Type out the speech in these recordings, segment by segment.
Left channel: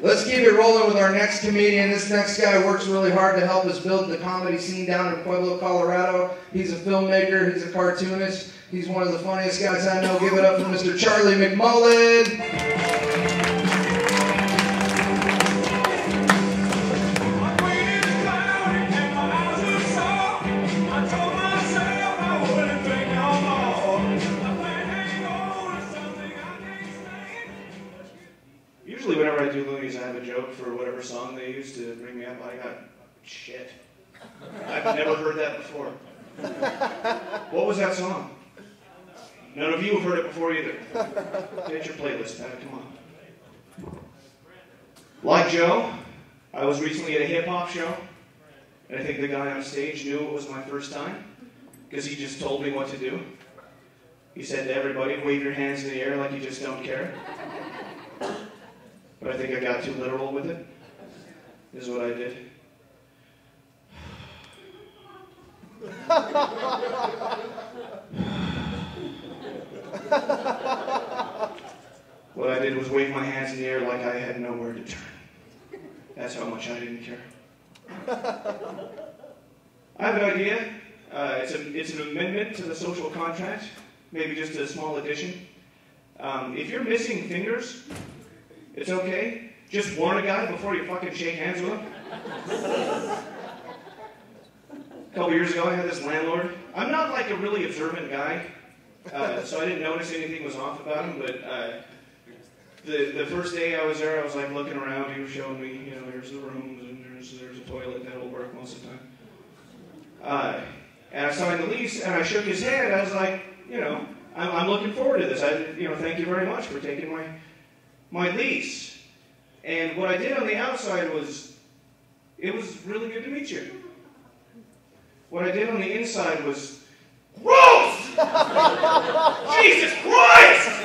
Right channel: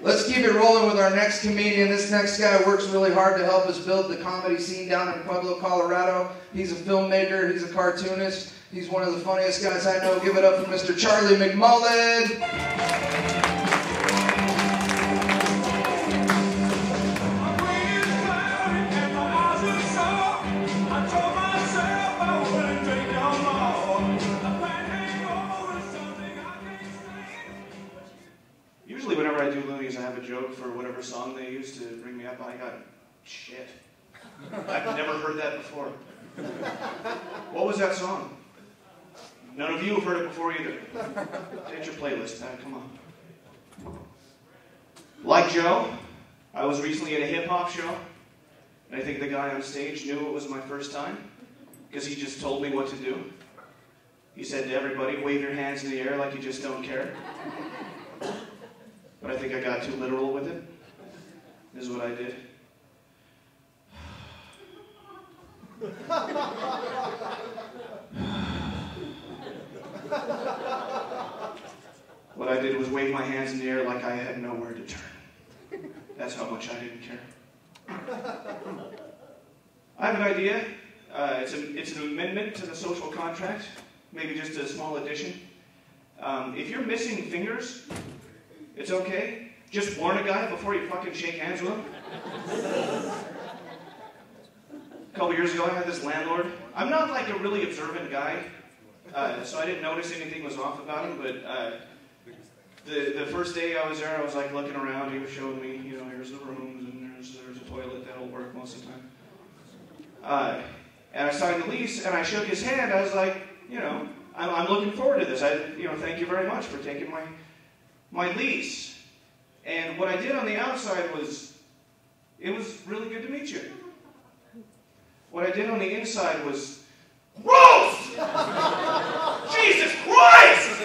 Let's keep it rolling with our next comedian. This next guy works really hard to help us build the comedy scene down in Pueblo, Colorado. He's a filmmaker. He's a cartoonist. He's one of the funniest guys I know. Give it up for Mr. Charley McMullen. Usually whenever I do Loonies, I have a joke for whatever song they use to bring me up. I got shit. I've never heard that before. What was that song? None of you have heard it before either. Get your playlist, Pat. Come on. Like Joe, I was recently at a hip-hop show, and I think the guy on stage knew it was my first time, because he just told me what to do. He said to everybody, wave your hands in the air like you just don't care. But I think I got too literal with it. This is what I did. What I did was wave my hands in the air like I had nowhere to turn. That's how much I didn't care. I have an idea. It's an amendment to the social contract, maybe just a small addition. If you're missing fingers, it's okay. Just warn a guy before you fucking shake hands with him. A couple years ago, I had this landlord. I'm not like a really observant guy, so I didn't notice anything was off about him, but the first day I was there, I was like looking around. He was showing me, you know, here's the rooms, and there's a toilet that'll work most of the time. And I signed the lease, and I shook his hand. I was like, you know, I'm looking forward to this. Thank you very much for taking my lease. And what I did on the outside was, it was really good to meet you. What I did on the inside was, gross! Jesus Christ!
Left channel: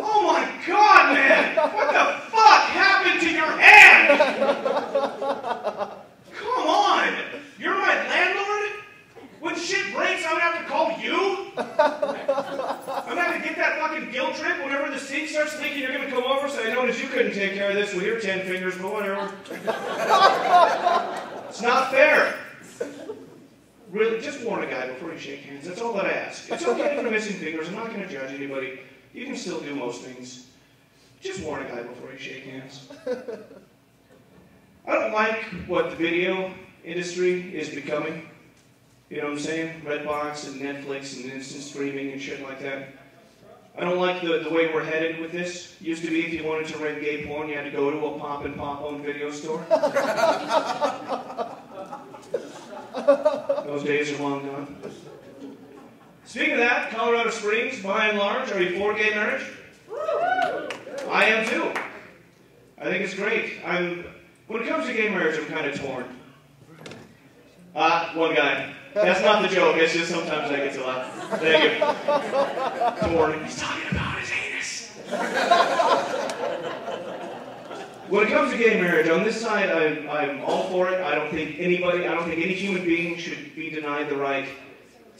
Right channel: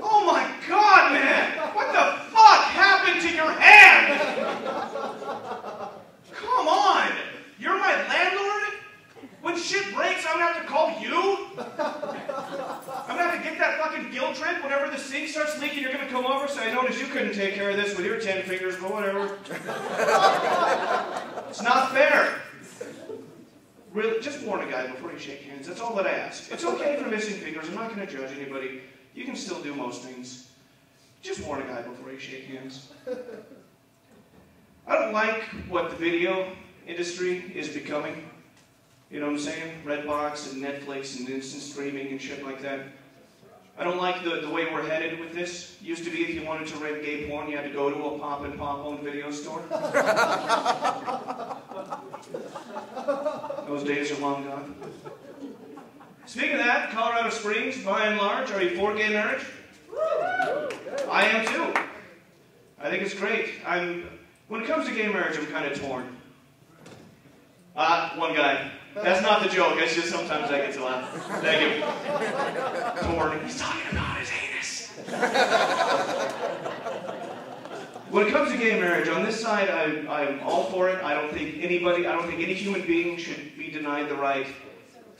Oh my God, man! What the fuck happened to your hand? Come on! You're my landlord? When shit breaks, I'm gonna have to call you? I'm gonna have to get that fucking guilt trip whenever the sink starts leaking. You're gonna come over, say, I noticed you couldn't take care of this with your 10 fingers, but whatever. It's not fair. Really, just warn a guy before you shake hands. That's all that I ask. It's okay for missing fingers. I'm not gonna judge anybody. You can still do most things. Just warn a guy before you shake hands. I don't like what the video industry is becoming. You know what I'm saying? Redbox and Netflix and instant streaming and shit like that. I don't like the way we're headed with this. Used to be if you wanted to rent gay porn, you had to go to a pop and pop-owned video store. Those days are long gone. Speaking of that, Colorado Springs, by and large, are you for gay marriage? I am too. I think it's great. When it comes to gay marriage, I'm kind of torn. One guy. That's not the joke, it's just sometimes I get to laugh. Thank you. Torn. He's talking about his anus. When it comes to gay marriage, on this side, I'm all for it. I don't think any human being should be denied the right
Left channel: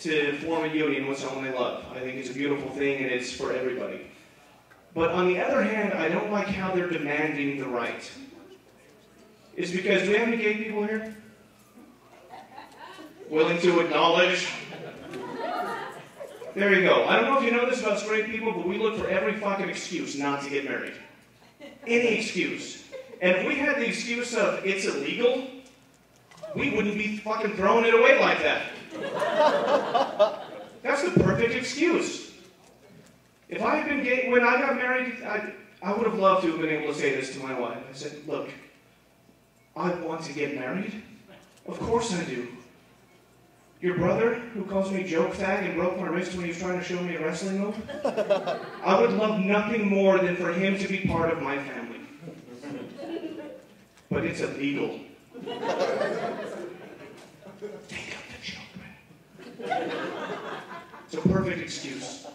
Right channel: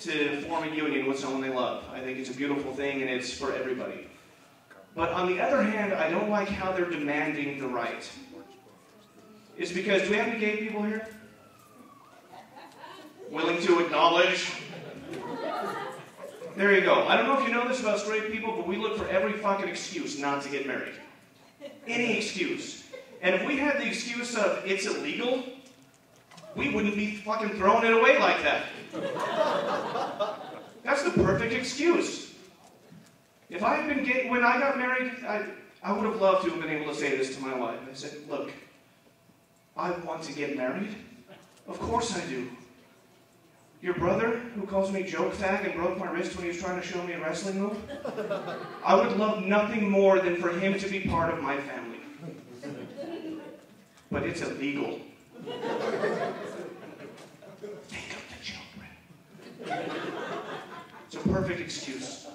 to form a union with someone they love. I think it's a beautiful thing and it's for everybody. But on the other hand, I don't like how they're demanding the right. It's because, do we have any gay people here? Willing to acknowledge? There you go. I don't know if you know this about straight people, but we look for every fucking excuse not to get married. Any excuse. And if we had the excuse of it's illegal, we wouldn't be fucking throwing it away like that. That's the perfect excuse. If I had been gay when I got married, I would have loved to have been able to say this to my wife. I said, look, I want to get married. Of course I do. Your brother, who calls me joke fag and broke my wrist when he was trying to show me a wrestling move, I would love nothing more than for him to be part of my family. But it's illegal. Take up the children. It's a perfect excuse.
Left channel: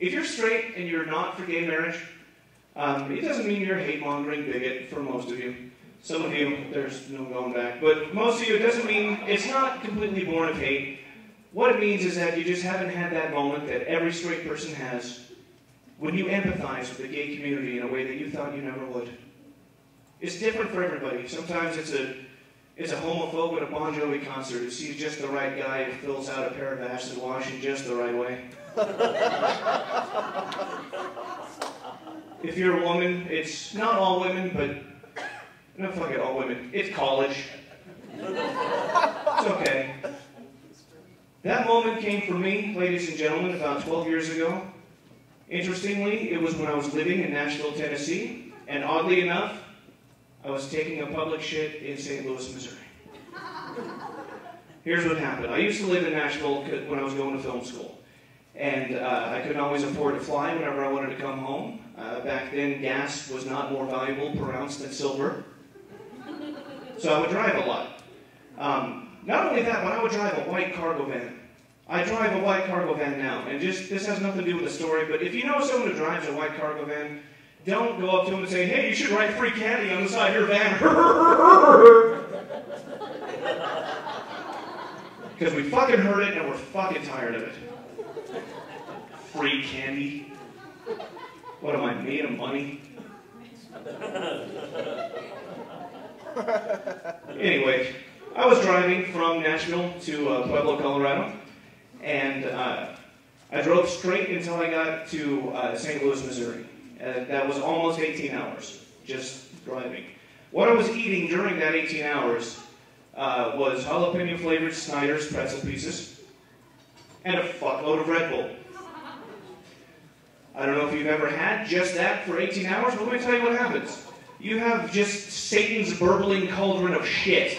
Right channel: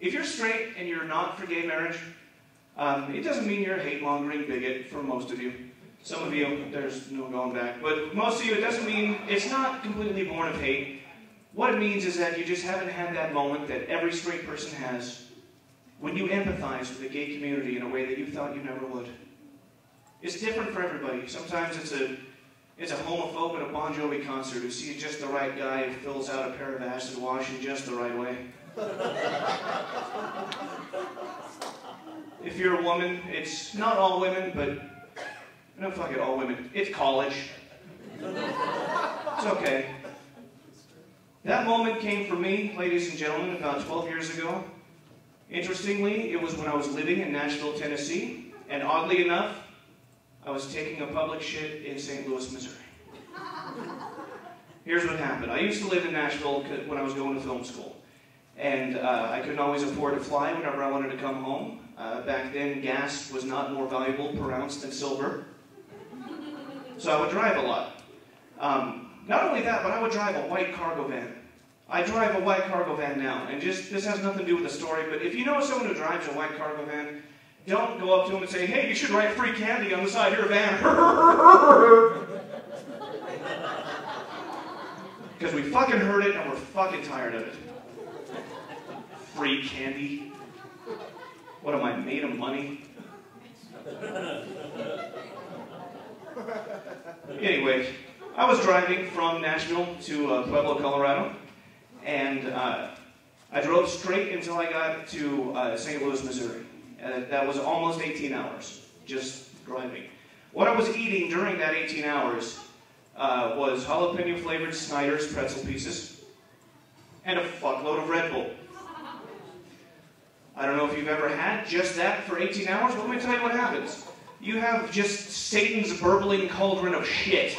If you're straight and you're not for gay marriage, it doesn't mean you're a hate-mongering bigot for most of you. Some of you, there's no going back. But most of you, it doesn't mean, it's not completely born of hate. What it means is that you just haven't had that moment that every straight person has when you empathize with the gay community in a way that you thought you never would. It's different for everybody. Sometimes it's a homophobe at a Bon Jovi concert who sees just the right guy who fills out a pair of acid wash in just the right way. If you're a woman, it's not all women, but no, fuck it, all women. It's college. It's okay. That moment came for me, ladies and gentlemen, about 12 years ago. Interestingly, it was when I was living in Nashville, Tennessee, and oddly enough, I was taking a public shit in St. Louis, Missouri. Here's what happened. I used to live in Nashville when I was going to film school, and I couldn't always afford to fly whenever I wanted to come home. Back then, gas was not more valuable per ounce than silver, so I would drive a lot. Not only that, but I would drive a white cargo van. I drive a white cargo van now, and this has nothing to do with the story, but if you know someone who drives a white cargo van, don't go up to them and say, hey, you should write free candy on the side of your van. Because we fucking heard it and we're fucking tired of it. Free candy? What am I, made of money? Anyway, I was driving from Nashville to Pueblo, Colorado, and I drove straight until I got to St. Louis, Missouri. That was almost 18 hours, just driving. What I was eating during that 18 hours was jalapeno-flavored Snyder's pretzel pieces and a fuckload of Red Bull. I don't know if you've ever had just that for 18 hours, but let me tell you what happens. You have just Satan's burbling cauldron of shit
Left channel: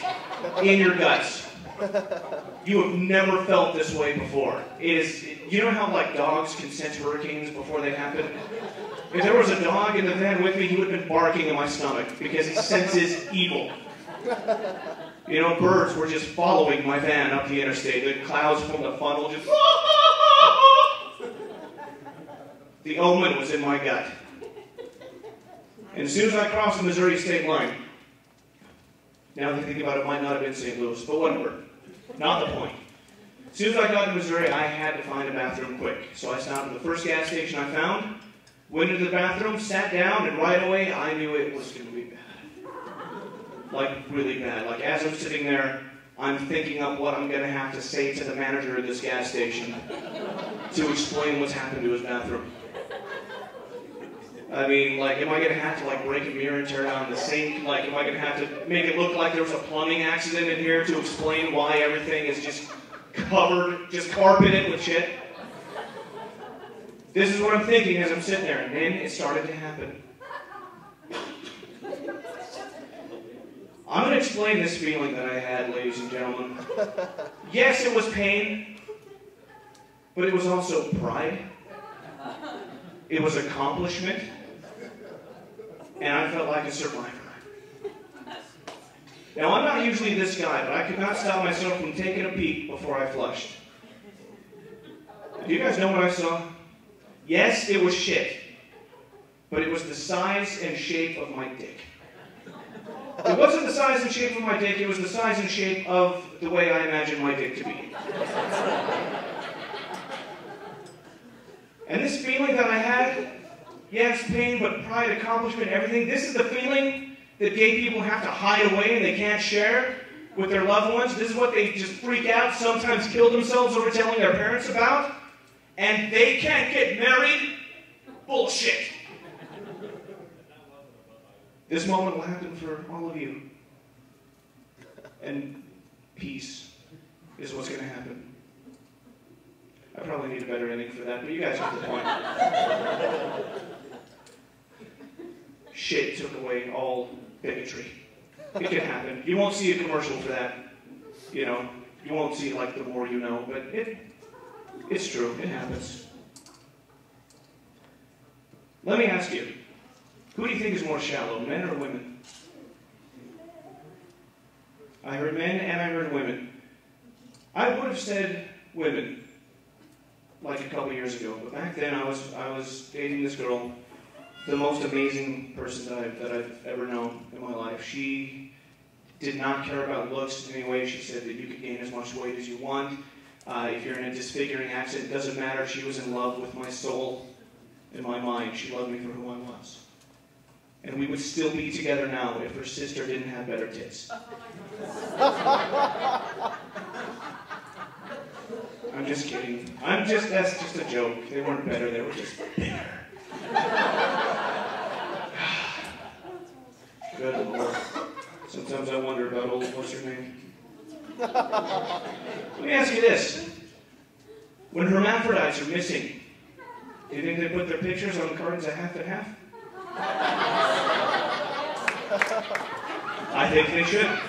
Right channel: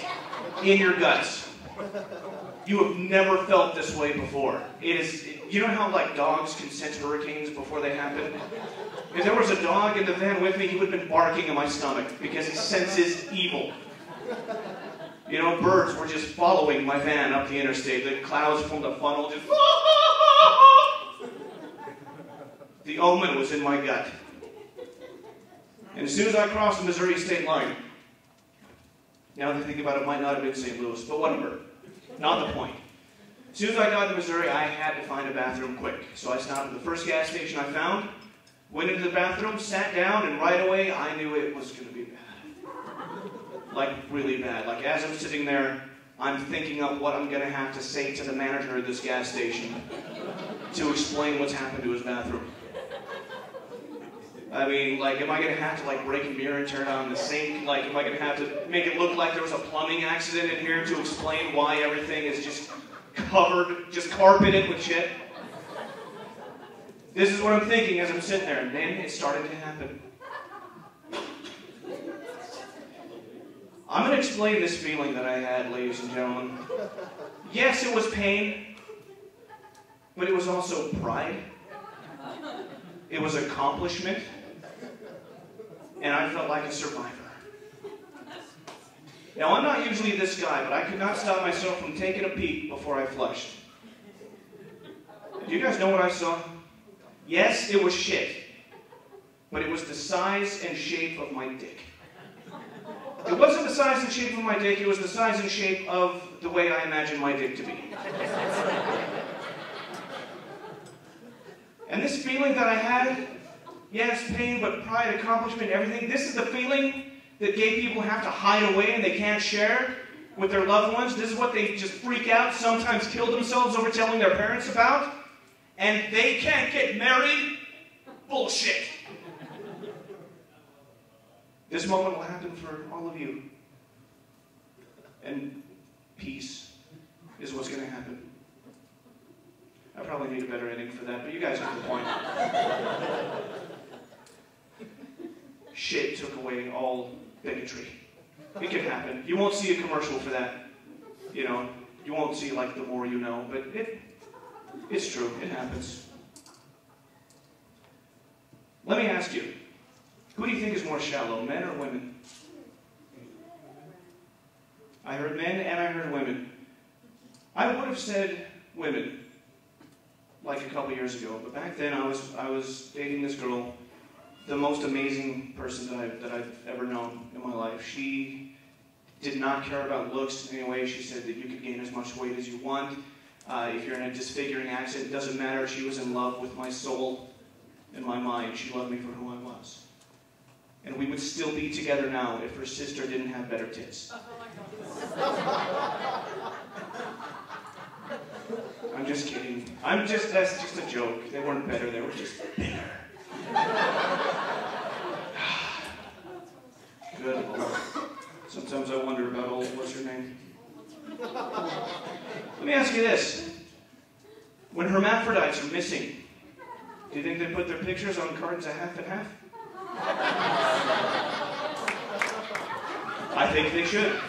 in your guts. You have never felt this way before. You know how like dogs can sense hurricanes before they happen? If there was a dog in the van with me, he would have been barking in my stomach because he senses evil. You know, birds were just following my van up the interstate. The clouds from the funnel just... The omen was in my gut. And as soon as I crossed the Missouri state line, now that I think about it, it might not have been St. Louis, but whatever. Not the point. As soon as I got to Missouri, I had to find a bathroom quick. So I stopped at the first gas station I found, went into the bathroom, sat down, and right away I knew it was going to be bad. Like, really bad. Like, as I'm sitting there, I'm thinking of what I'm going to have to say to the manager of this gas station to explain what's happened to his bathroom. I mean, like, am I going to have to, like, break a mirror and turn on the sink? Like, am I going to have to make it look like there was a plumbing accident in here to explain why everything is just covered, just carpeted with shit? This is what I'm thinking as I'm sitting there, and then it started to happen. I'm going to explain this feeling that I had, ladies and gentlemen. Yes, it was pain, but it was also pride. It was accomplishment. And I felt like a survivor. Now, I'm not usually this guy, but I could not stop myself from taking a peek before I flushed. Do you guys know what I saw? Yes, it was shit. But it was the size and shape of my dick. It wasn't the size and shape of my dick, it was the size and shape of the way I imagined my dick to be. And this feeling that I had, yes, pain, but pride, accomplishment, everything, this is the feeling that gay people have to hide away and they can't share with their loved ones. This is what they just freak out, sometimes kill themselves over telling their parents about. And they can't get married? Bullshit. This moment will happen for all of you. And peace is what's going to happen. I probably need a better ending for that, but you guys get the point. Shit took away all bigotry. It could happen. You won't see a commercial for that. You know, you won't see like The More You Know, but it's true. It happens. Let me ask you, who do you think is more shallow, men or women? I heard men and I heard women. I would have said women like a couple years ago, but back then I was dating this girl, the most amazing person that I've ever known in my life. She did not care about looks in any way. She said that you could gain as much weight as you want. If you're in a disfiguring accent, it doesn't matter. She was in love with my soul. In my mind, she loved me for who I was. And we would still be together now if her sister didn't have better tits. I'm just kidding. That's just a joke. They weren't better, they were just bigger. Good Lord. Sometimes I wonder about old, what's her name? Let me ask you this. When hermaphrodites are missing, do you think they put their pictures on cartons of half and half? I think they should.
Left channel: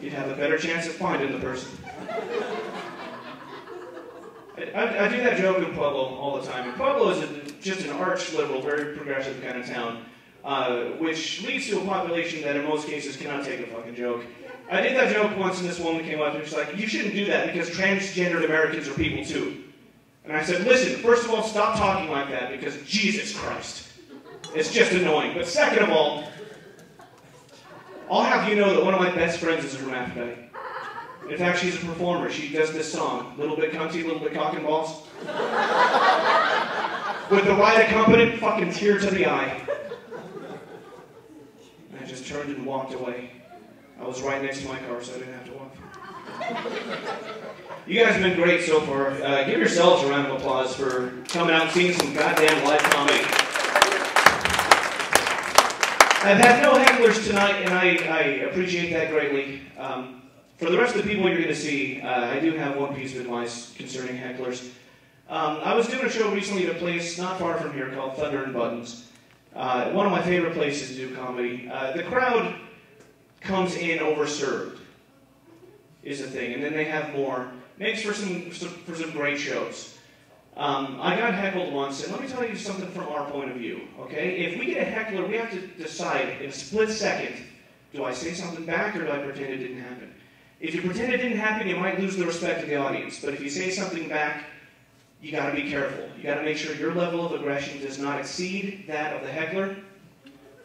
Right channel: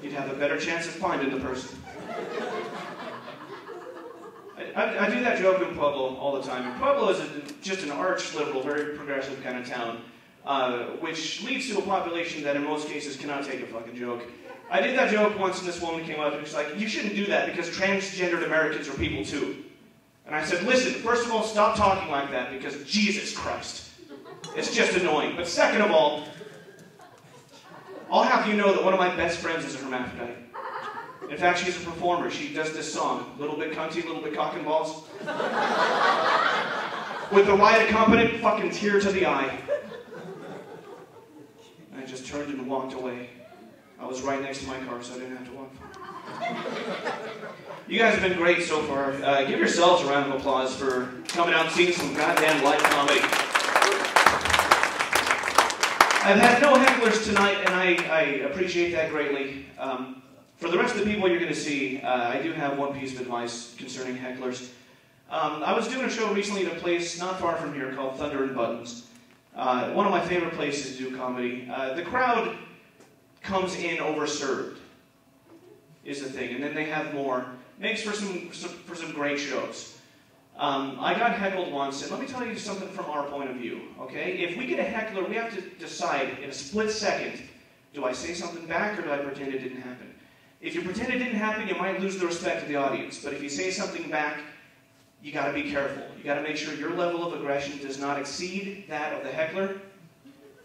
You'd have a better chance of finding the person. I do that joke in Pueblo all the time. And Pueblo is just an arch-liberal, very progressive kind of town, which leads to a population that in most cases cannot take a fucking joke. I did that joke once and this woman came up and she's like, you shouldn't do that because transgendered Americans are people too. And I said, listen, first of all, stop talking like that because Jesus Christ. It's just annoying. But second of all, I'll have you know that one of my best friends is a hermaphrodite. In fact, she's a performer. She does this song, little bit cunty, little bit cock and balls. With the right accompaniment, fucking tear to the eye. I just turned and walked away. I was right next to my car, so I didn't have to walk. You guys have been great so far. Give yourselves a round of applause for coming out and seeing some goddamn live comedy. I've had no hecklers tonight, and I appreciate that greatly. For the rest of the people you're going to see, I do have one piece of advice concerning hecklers. I was doing a show recently at a place not far from here called Thunder and Buttons. One of my favorite places to do comedy. The crowd comes in overserved, is the thing, and then they have more. Makes for some great shows. I got heckled once, and let me tell you something from our point of view, okay? If we get a heckler, we have to decide in a split second, do I say something back or do I pretend it didn't happen? If you pretend it didn't happen, you might lose the respect of the audience, but if you say something back, you gotta be careful. You gotta make sure your level of aggression does not exceed that of the heckler,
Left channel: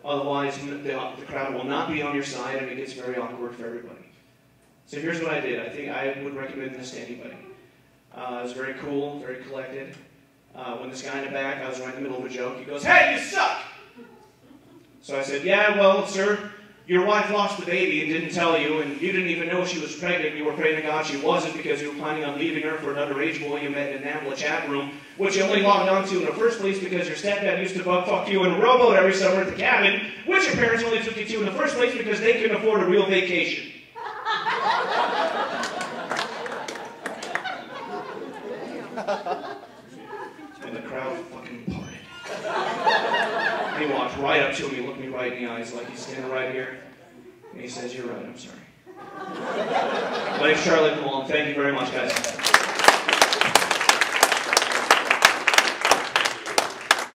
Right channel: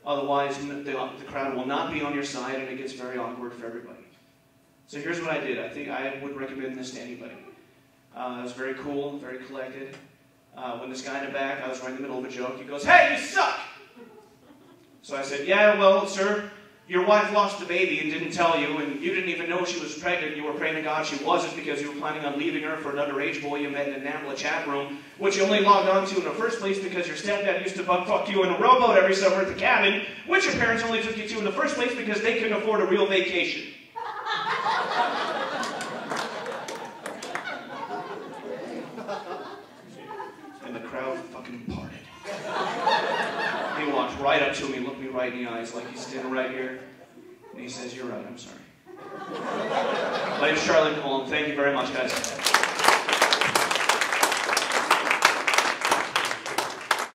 otherwise the crowd will not be on your side and it gets very awkward for everybody. So here's what I did. I think I would recommend this to anybody. It was very cool, very collected. When this guy in the back, I was right in the middle of a joke, he goes, "Hey, you suck!" So I said, "Yeah, well, sir, your wife lost the baby and didn't tell you, and you didn't even know she was pregnant. You were praying to God she wasn't because you were planning on leaving her for an underage boy you met in a NAMBLA chat room, which you only logged on to in the first place because your stepdad used to fuck you in a rowboat every summer at the cabin, which your parents only took you to in the first place because they couldn't afford a real vacation." And the crowd fucking parted. He walked right up to me, looked me right in the eyes like he's standing right here, and he says, "You're right, I'm sorry." My name's Charley McMullen. Thank you very much, guys.